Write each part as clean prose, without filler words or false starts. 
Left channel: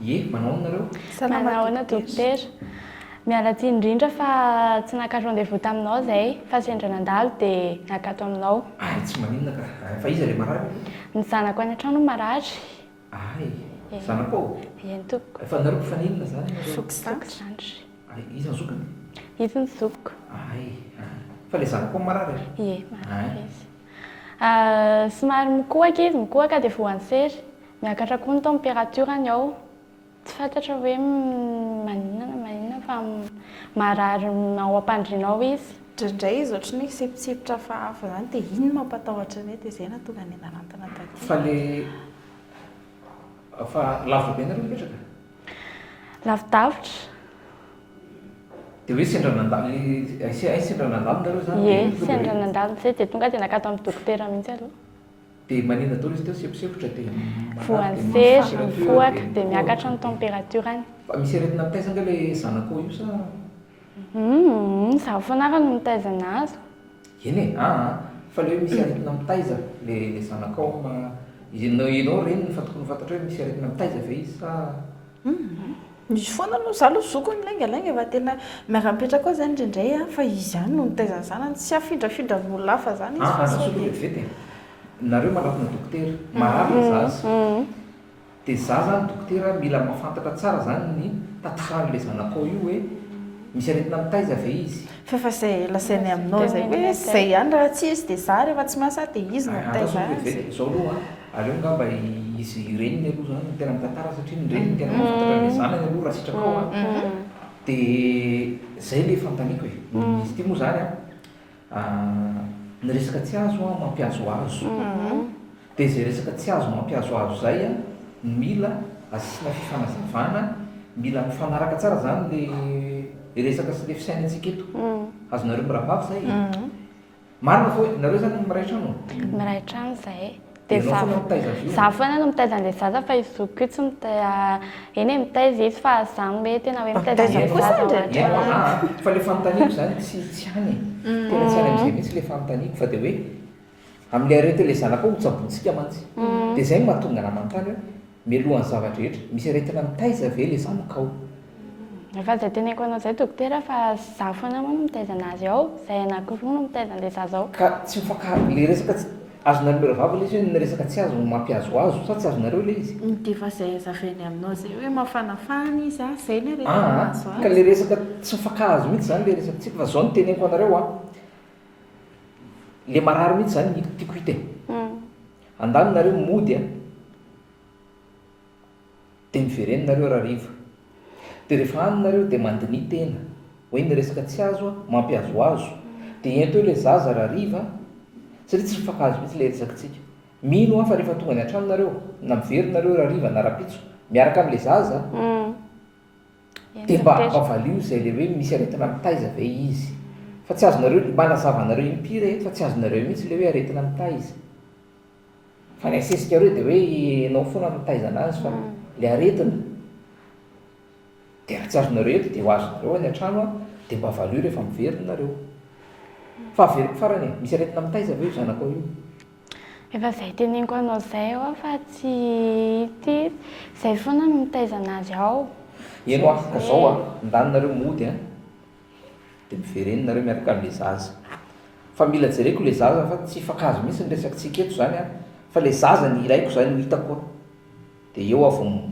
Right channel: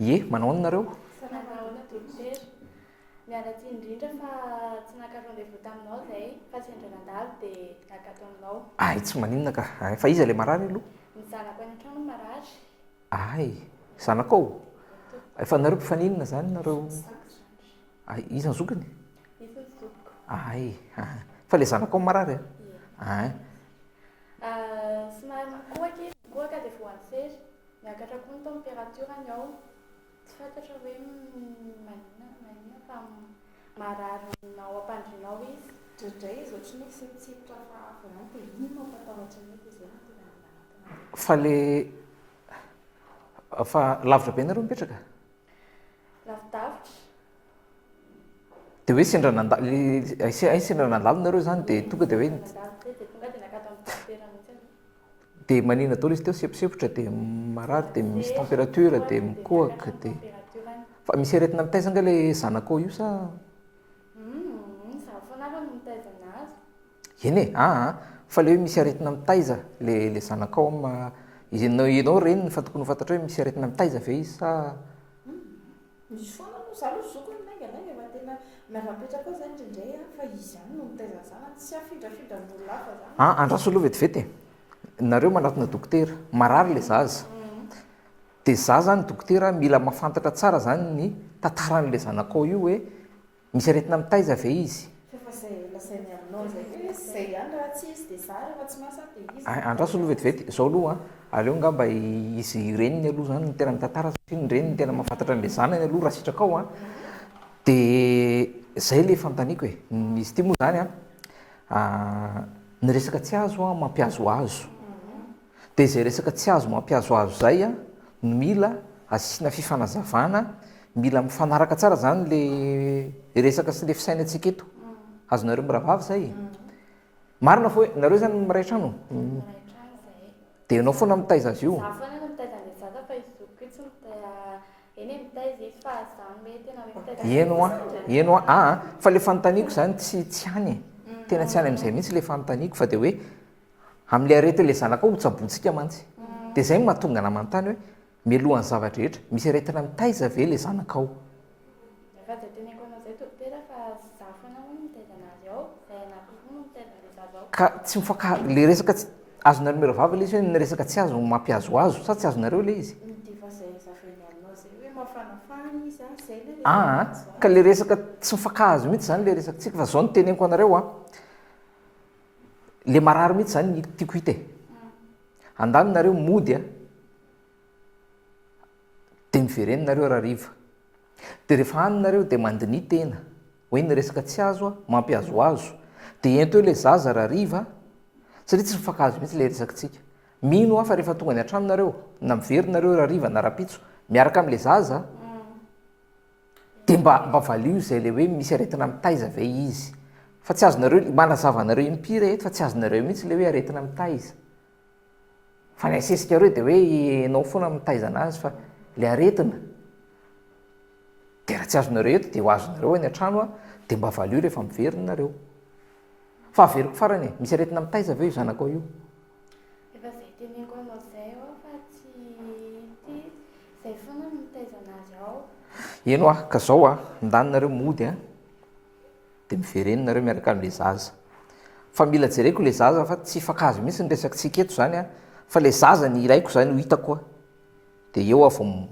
Ie, manao nareo? Manahoana dokotera? Miala tsiny indrindra fa tsy naka rendez-vous taminao izay fa sendra nandalo dia nakato aminao. Ay, tsy maninona ka. Fa iza ilay marary aloha? Ny zanako any an-trano marary. Ay, zanakao? Eny tompoko. Fa nareo mpifaninana izany nareo? Zandry. Ay, iza ny zokiny? Izy ny zokiko. Ay, fa ilay zanakao marary? Ie, marary izy. Somary mikohaka izy, mikohaka dia voan'ny sery. Miakatra koa ny températurany ao. Tsy fantatra hoe maninona fa marary ao am-pandrinao izy. Indraindray izy ohatry ny sipitsipotra fahafa izany dia iny mampatahotra ny dia izay nahatonga ny anarantana takeo. Fa ilay fa lavitra be nareo mipetraka? Lavidavitra. Dia hoe sendra nandalo nareo izany dia Ie, tonga dia sendra hoe nandalo izay dia tonga dia nakato amin'ny dokotera mihitsy aloha. dia maninona daholo izy teo seposepotra dia marary Voan'ny dia sery, misy mifohaka température dia miakatra ny températurany. Fa misy aretina mitaiza anga ilay zanakao io sa? Zaho foana no mitaizana azy. Eny e, fa ilay hoe misy aretina mitaiza ilay zanakao ianao reny ny tokony fantatra hoe misy aretina mitaiza ve izy sa? Misy foana aloha za aloha zokony lainga fa tena miara-mipetraka koa izany indraindray fa izy ihany no mitaizana zanany tsy afindra amin'olona hafa izany izy. Andraso aloha vetivety e. Nareo manatona dokotera, marary ilay zaza. Dia izaho zany dokotera mila mahafantatra tsara zany ny tantaran'ilay zanakao io hoe misy aretina mitaiza ve izy. Fa izay lasainy aminao izay hoe izay ihany raha tsy izy dia za rehefa tsy miasa dia izy no Andraso aloha mitaiza azy. vetivety, izao aloha aleo angamba izy reniny aloha zany no tena mitantara satria ny reniny tena mahafantatra an'ilay zanany aloha raha sitraka ao dia izay ilay fanontaniako e. Izy ity moa zany ny resaka tsy azo mampiazoazo. Dia izay resaka tsy azo mampiazoazo izay mila asiana fifanazavana, mila mifanaraka tsara zany ilay resaka sy ilay fisainantsika eto. Azonareo miravavy izay? Marina fa hoe nareo zany miray trano? Miray trano izahay. Dia ianao foana mitaiza azy io? Zaho foana no mitaiza an'ilay zaza fa izy zokiko io tsy eny e mitaiza izy fa zaho hoe tena hoe mitaiza an'ilay zaza. Eno fa ilay fanontaniako zany tsy hany e. Tena tsy hany amin'izay mihitsy ilay fanontaniako fa dia hoe amin'ilay arety ilay zanakao hotsaboantsika mantsy. Dia izay mahatonga ana manontany hoe mialohan'ny zavatra rehetra misy aretina mitaiza ve ilay zanakao? Efa izay teneniko anao izay dokotera fa zaho foana moa no mitaiza anazy ao, izay anankiroa no mitaiza an'ilay zaza ao. Ka tsy ilay resaka azonareo miravavy ilay izy hoe ny resaka tsy azo mampiazoazo sa tsy azonareo ilay izy? Dia efa izay azavainy aminao izay hoe mafanafana izy izay ny aretina azo Ka ilay resaka tsy mifankahazo mihitsy zany ilay resaka tsika fa izao no teneniko anareo ilay marary mihitsy zany tiako hita e. Andalo nareo mody dia mivereny nareo raha riva. Dia rehefa any nareo dia mandini tena hoe ny resaka tsy azo mampiazoazo. Dia ento ilay zaza raha riva satria tsy mifankahazo mihitsy ilay resaka tsika. Mino fa rehefa tonga any an-trano nareo na mivery nareo raha riva na rapitso miaraka amin'ilay zaza dia mba valio izay ilay hoe misy aretina mitaiza ve izy. Fa tsy azonareo manazava anareo impiry eto fa tsy azonareo mihitsy ilay hoe aretina mitaiza. Fa ny asesika reo dia hoe ianao foana mitaiza anazy fa ilay aretina dia raha tsy azonareo eto dia ho azonareo any an-trano dia mba valio rehefa miveriny nareo. Fa averiko farany misy aretina mitaiza ve io zanakao io? Efa izay teneniko anao izay ao fa tsy ity izay foana no mitaiza anazy ao. Eno ka izao ndany nareo mody dia mivereny nareo miaraka amin'ilay zaza. Fa mila jereko ilay zaza fa tsy hifankahazo mihitsy ny resaka tsika eto zany fa ilay zaza ny ilaiko zany ho hitako dia eo vao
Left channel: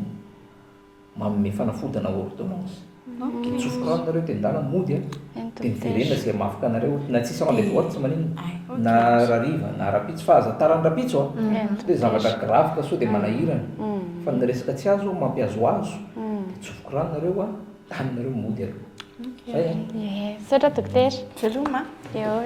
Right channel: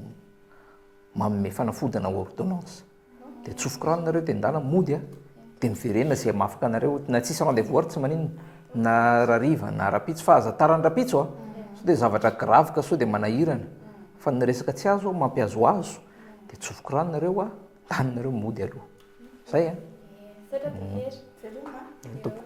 manome fanafodana ordonnance. Dia tsofoka rano nareo dia ndana mody dia miverena izay mafaka anareo na tsisy rendez-vous ary tsy maninona na rariva na rapitso fa aza tarany rapitso so dia zavatra grave ka so dia manahirana fa ny resaka tsy azo mampiazoazo dia tsofoka rano nareo taninareo mody aloha. Zay Saotra dokotera. Veloma. Eo.